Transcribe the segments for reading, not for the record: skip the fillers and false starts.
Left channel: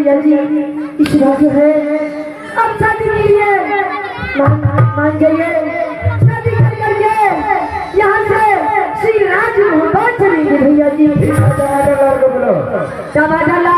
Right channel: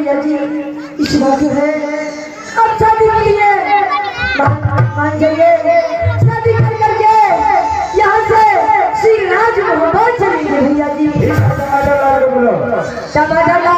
भैया जी इस बात है अब शादी के लिए मान जाइए शादी कर करके यहाँ से श्री राज मोहब्बत चली गई भैया जी टमाटर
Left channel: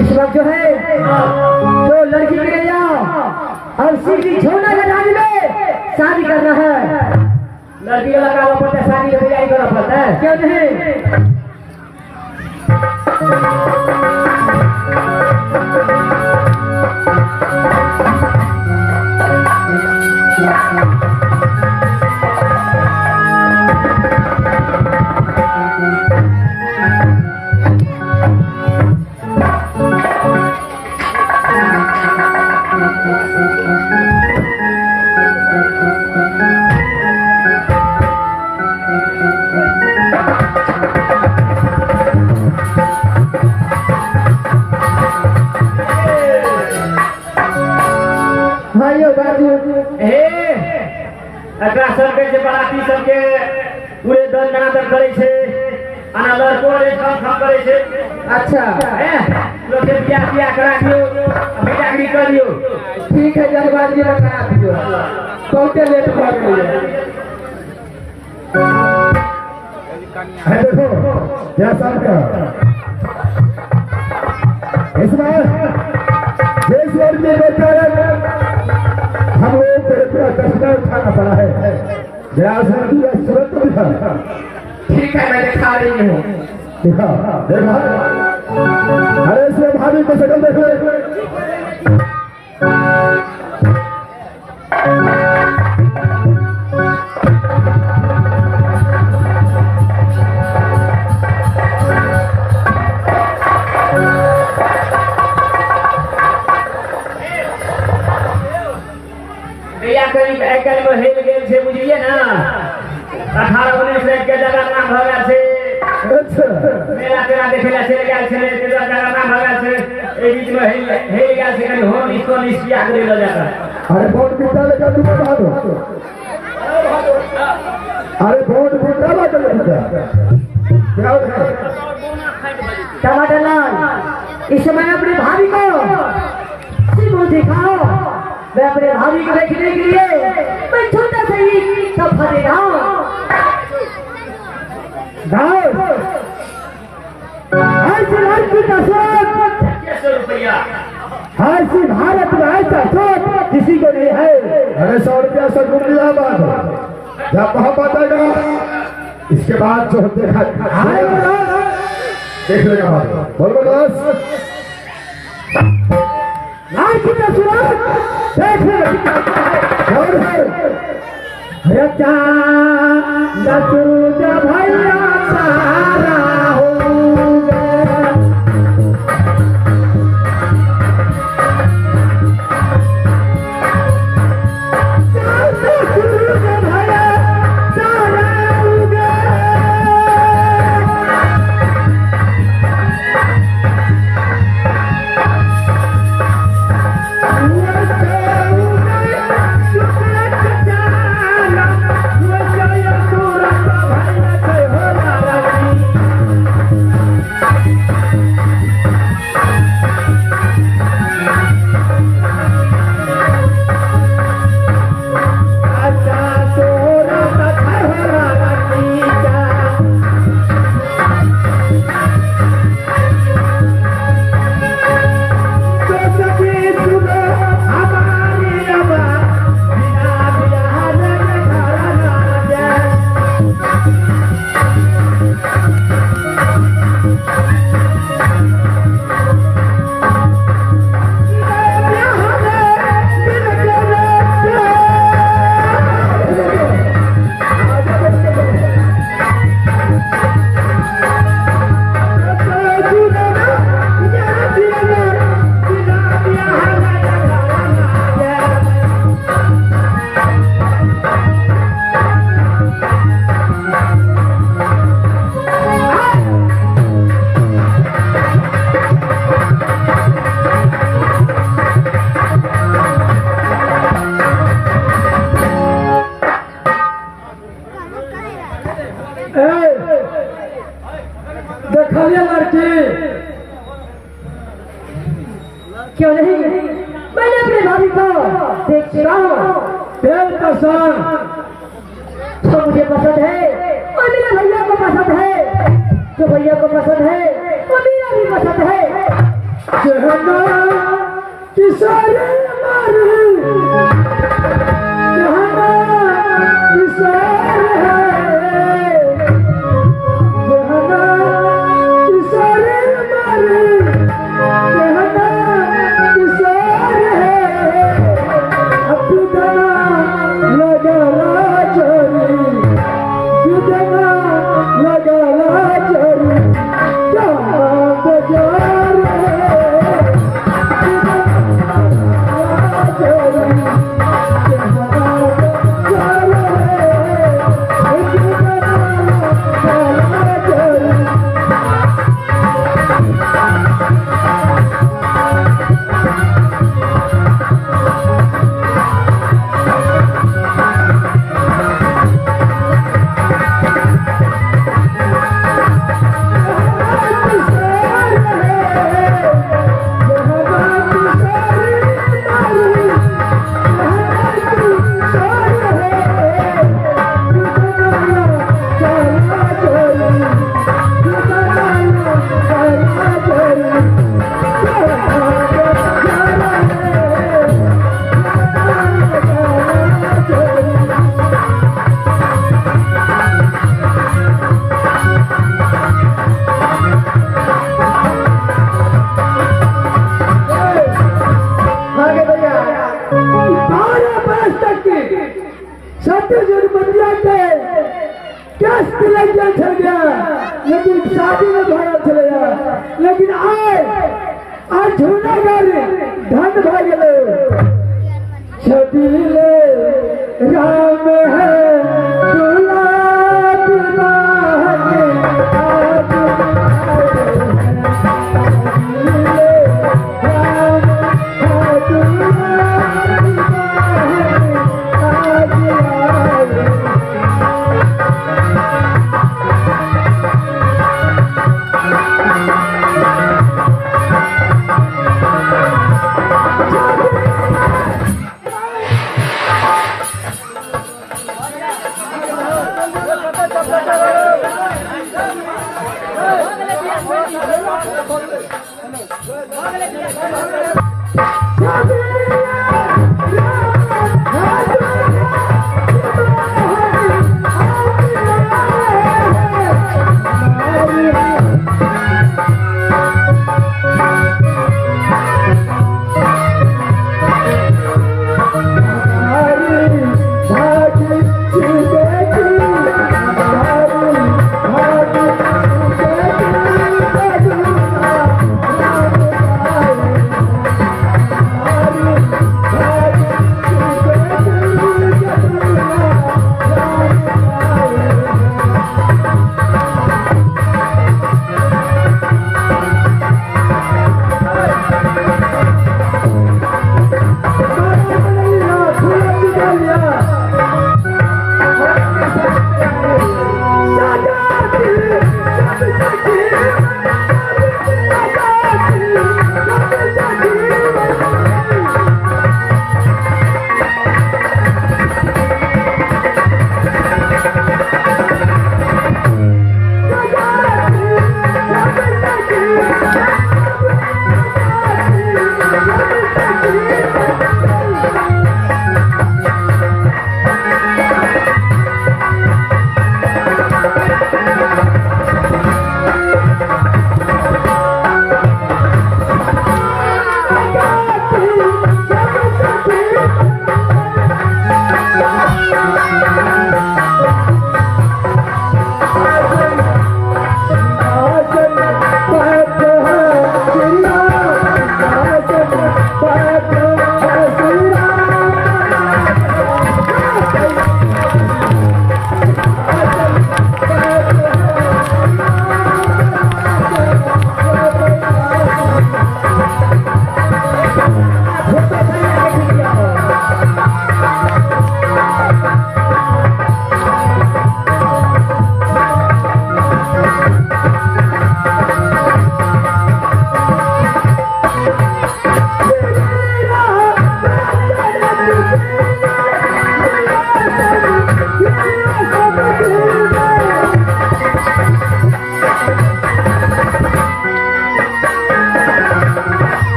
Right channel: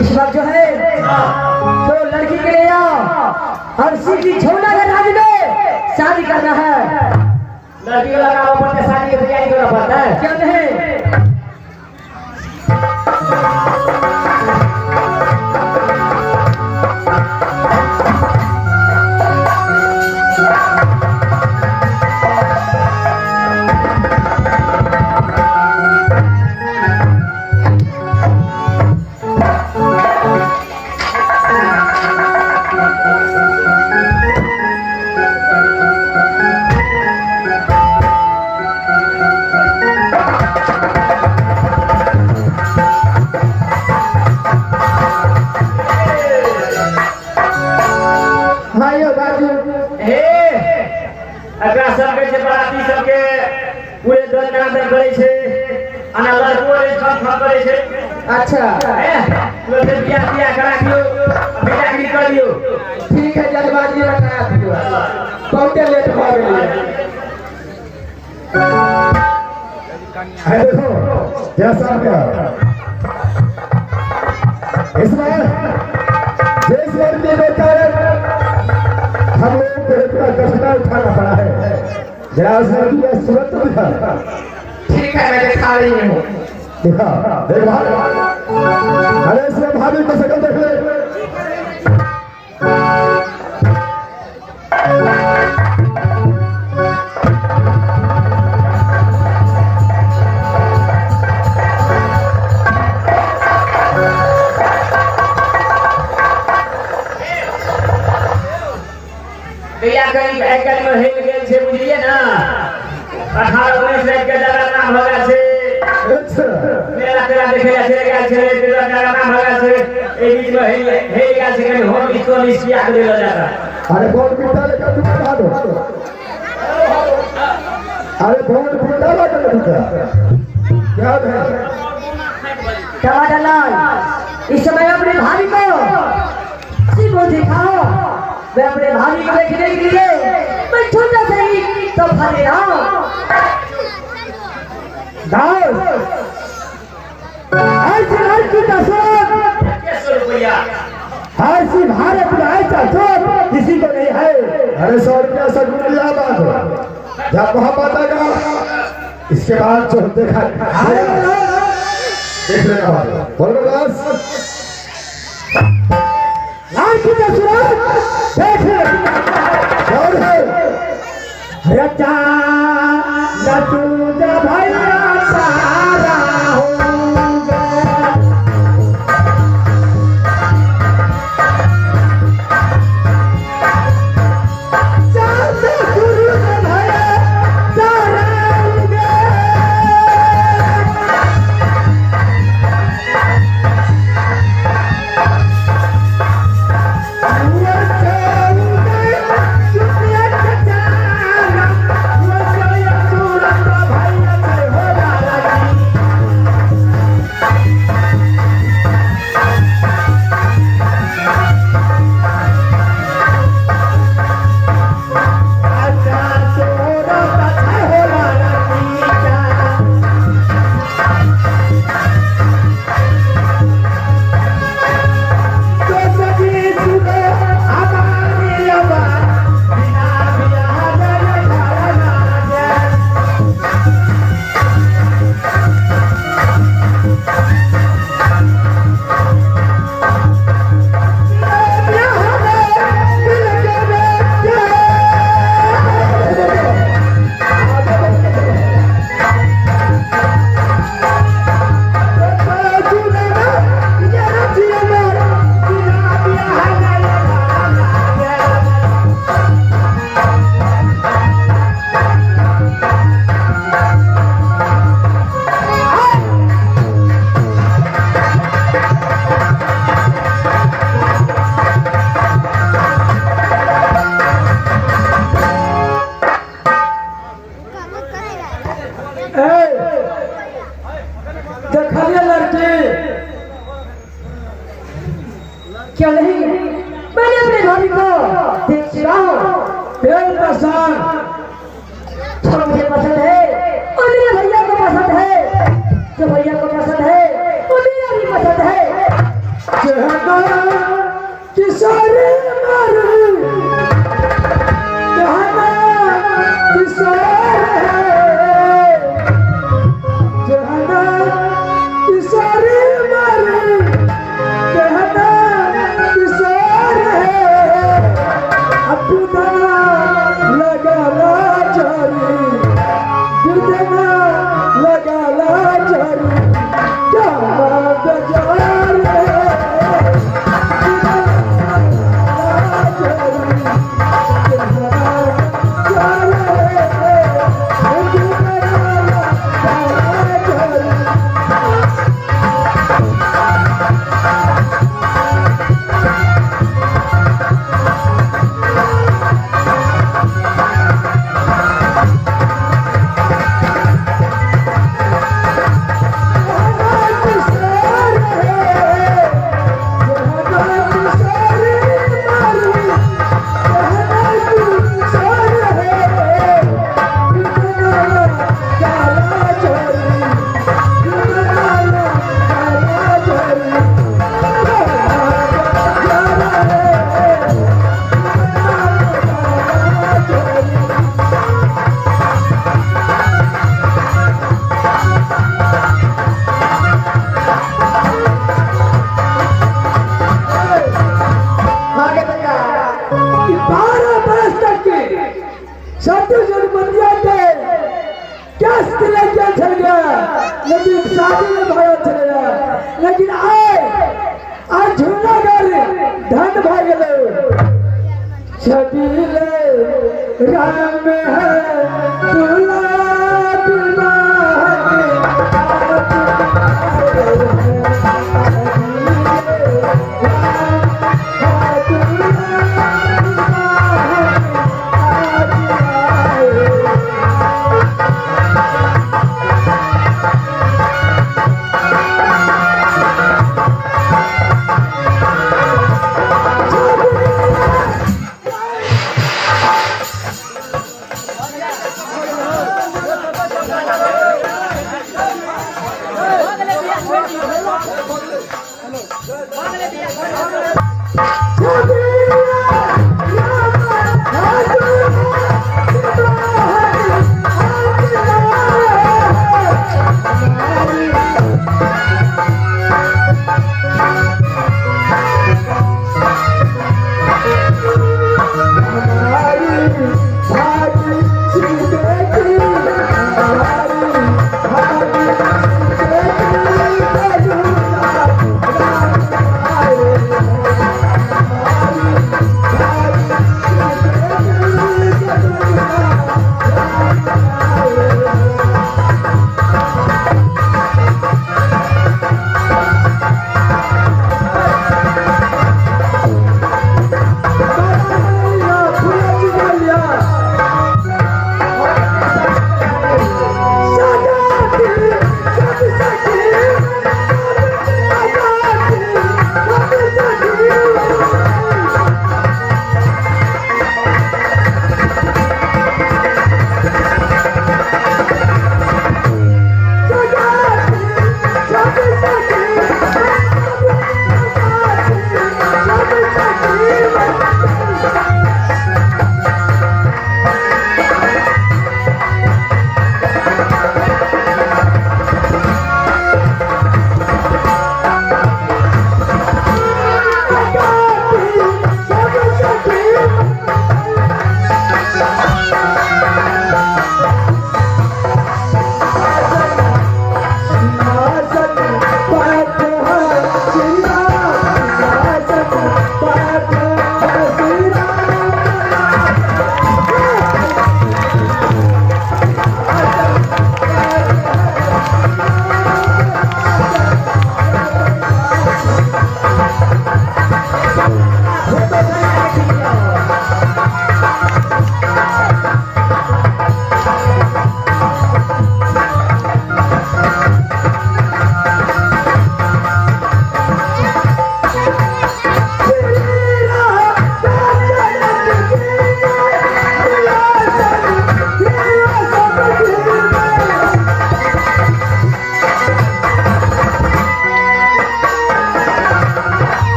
इस वक्त जो है तो लड़की के लिए और सीधी छोटा लगाने में शादी कर रहा है लड़की लगा पड़ता है शादी की तैयारी करना पड़ता है क्यों नहीं सबके पूरे दल निरादर करे छे अनादर कोरे सब करे छे अच्छा लोग के बियाह करा दियो बेटा की कर दियो ठीक है जल्दबाजी में करा दियो बहुत लेट हो गई है देखो जैसा क्या इसमें जैसे आदमी बेकार हम लोग को इतना कष्ट उठाना पड़ा है जरा उस लड़की का सूरत तो दिखा ठीक है मैं दिखा रही हूँ देखा देखा अरे इसमें भाभी को सकल देख ले बुझिए ना 18-19 के जगह नाम होगा से मेरा तेरा देखे चले गया चले तेरा जगह नाम होगा से ए बीच में हे गया से कहीं हो इसको निष्क्रिय कर दिया जाता अरे बहुत बिता लेकर तुम बता दो अरे बहुत बिता लेकर क्या है टमाटर लाल इस समय अपने भाभी को सिर्फ दिखाओ मैं अपने भाभी को देखने के लिए मैं छोटा सा ही तो फले ऐसी लड़की का सूरत कैसे रुपया ऐसी भारत में ऐसा सूरत किसी को नहीं है अरे 100 रुपया सब रुपया बात जब मोहब्बत आएगा इसके बाद जो देखा देख लेगा बोलो बस लड़की का सूरत देख लेगा रचा नचू भैया सारा भैया को पसंद है, वो मीरा की पसंद है। जहाना किसारे मारू, जहाना किसारे है, जहाना किसारे मारू, जहाना किसारे है। अपना लगाला चोरी, गिरदना लगाला चोरी, क्या बेजार है। लेकिन शादी में भागा चलेगा, लेकिन आज झूठा कर धन भाग गए। छबीले राम है दूल्हा दुल्हा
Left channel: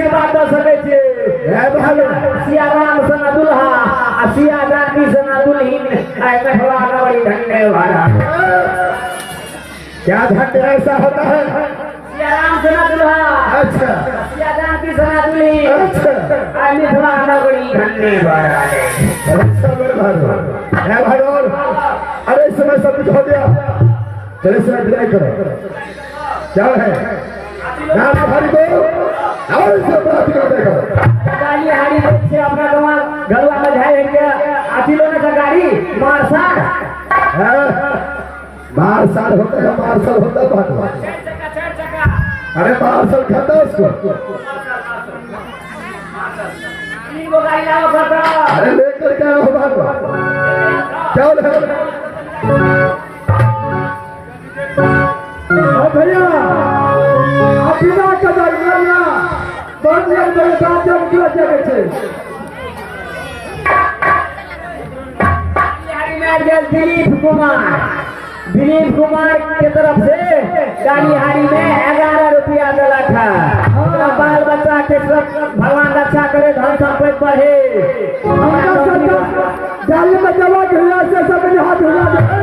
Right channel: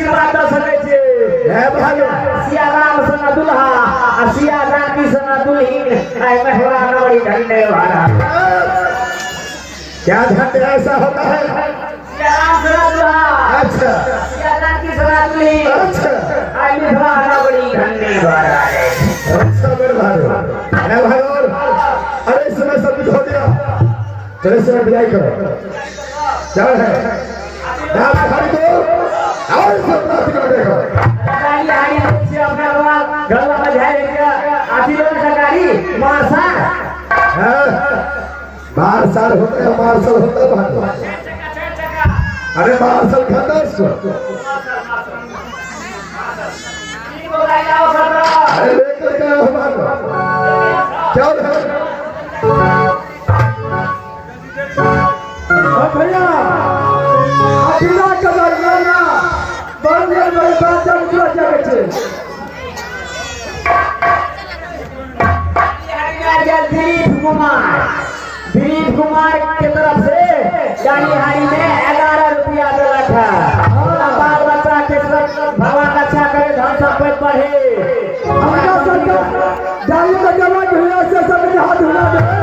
आशीर्वाद दे सकै छै ए भालो सिया राम सन दुल्हा आ सिया जानकी सन दुल्हीन आए कठवा नवरी धन्य वाला क्या घंटे ऐसा होता है सिया राम सन दुल्हा अच्छा सिया जानकी सन दुल्हीन अच्छा आए मिथिला नगरी धन्य वाला अच्छा मेरे भालो ए भालो अरे इस समय सब कुछ हो गया चले से विदाई करो क्या है नाम भारी को और सब बात कर देखो गाड़ी हाड़ी से अपना गलवा में जाए के आती लोग का गाड़ी मारसा मार्शल होता है मार्शल होता है भालो अरे मार्शल खाता है इसको तीन गो गाड़ी लाओ सर अरे लेकर के आओ भालो क्या है भैया अभिला कदर भैया बंदे में बाजन क्यों जगह छे दिलीप कुमार के तरफ से गाड़ीहारी में 11 रुपया मिला था बाल बच्चा के सब भगवान रक्षा करे धन संपत्ति बढ़े गाड़ी में जमा हुआ से सब हाथ हुआ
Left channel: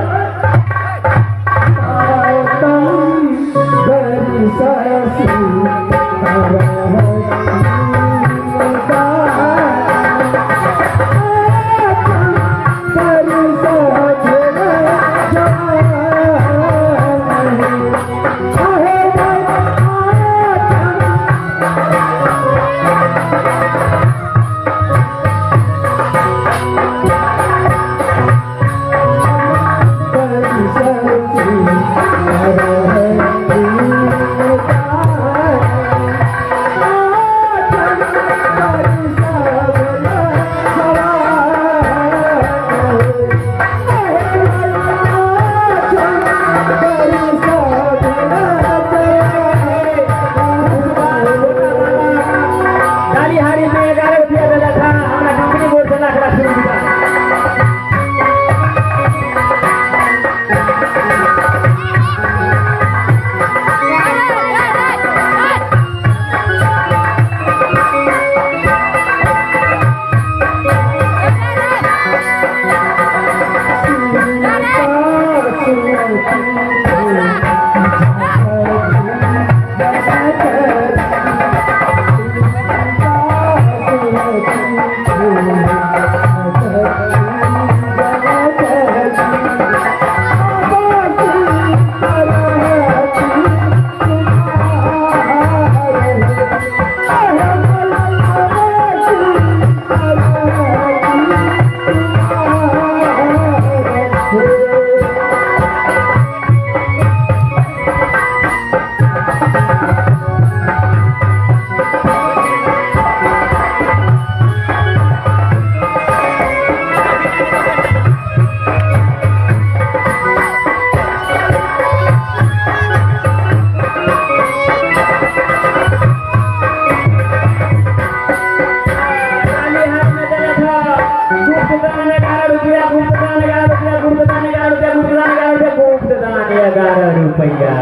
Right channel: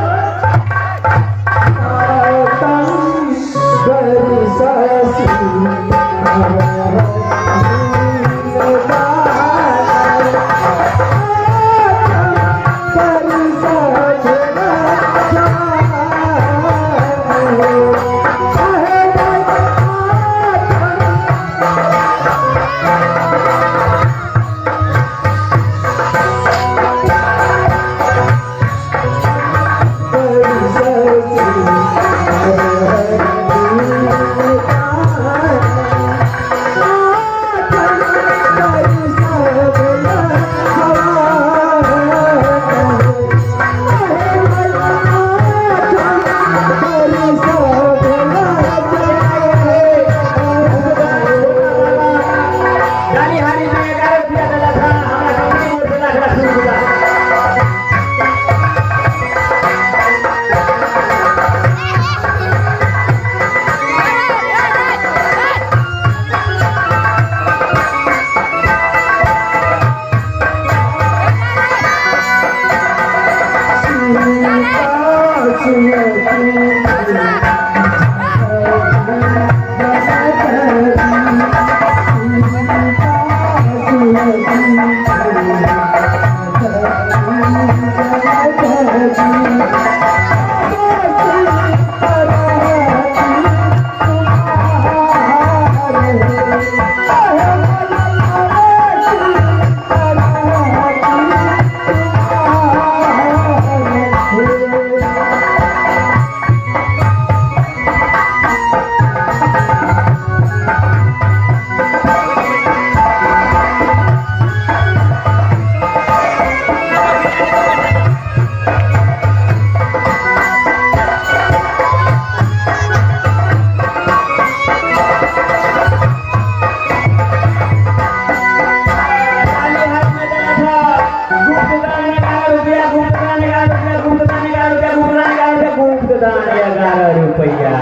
रुपया